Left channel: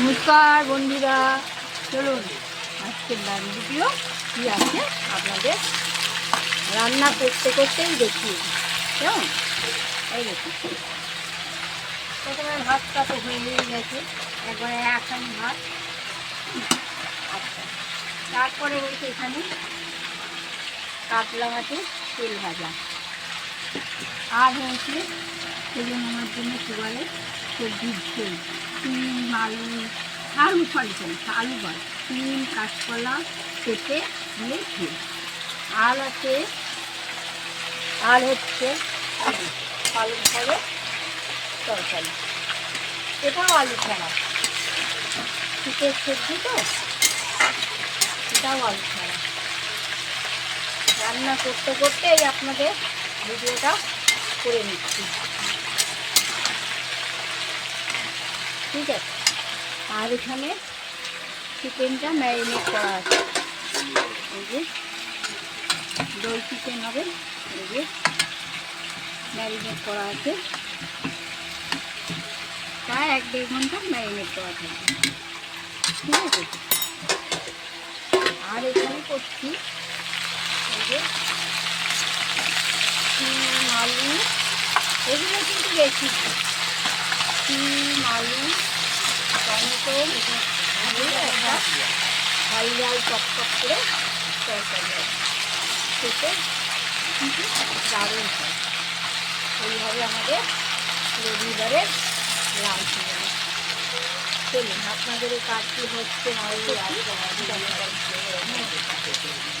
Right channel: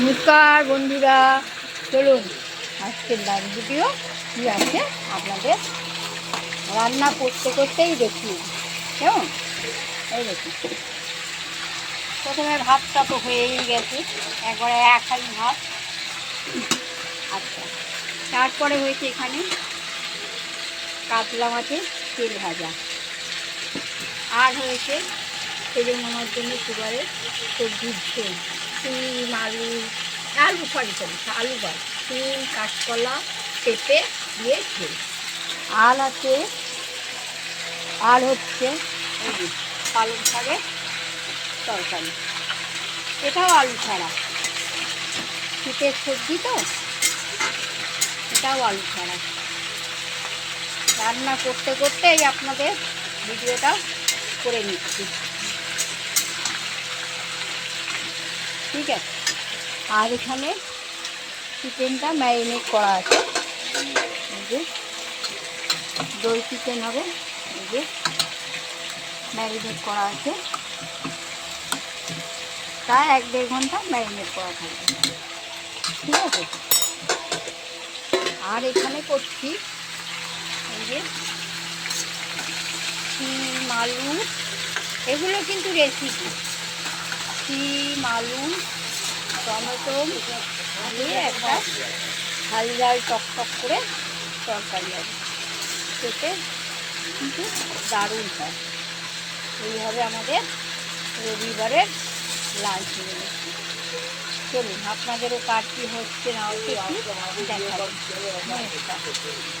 নমস্কার বন্ধুরা, চলুন আজকের লাইভ ভিডিও কী আছে আপনাদের রান্না করতে করতেই দেখি কেমন। এই দেখুন, প্রথমে ভাতটা তো হয়েই গেছে, একবারে এক হাঁড়ি ভাত। আচ্ছা, তারপরে হয়েছে এখানে কাতলা মাছের তেল ভাজা, আর হয়েছে সেজন্য আমার জন্য সুগারের সবজির ঝোল, শিম আলু আলু বল, শিম কাঁচকলা পেঁপে দিয়ে ঝোল। আর আছে, আর হচ্ছে পালং শাকের তরকারি, এটাও আলু ছাড়া, শীতের সবজি তো, এটাও আলু ছাড়া। রান্না করতে করতেই আপনাদের ভিডিওটা করে নিচ্ছি, ঠিক আছে। আর এখানে চিকেনটা ম্যারিনেট করা আছে, এই যে দই চিকেন হবে, এই যে ম্যারিনেট করা আছে, প্রায় 1-1.5 ঘন্টা ম্যারিনেট করা থাকবে, ঠিক আছে। আর এখানে করছি এই যে শিম আলু, এগুলো কিন্তু রেসিপি। শিম আলু টমেটো দিয়ে একটা ঝাল ঝাল টক করে তরকারি হবে, খেতে কিন্তু দারুণ হয়। এইভাবে আমাদের রবিবারের লাঞ্চ মেনু। চলুন আপনাদেরও কার কী হচ্ছে না হচ্ছে দেখা।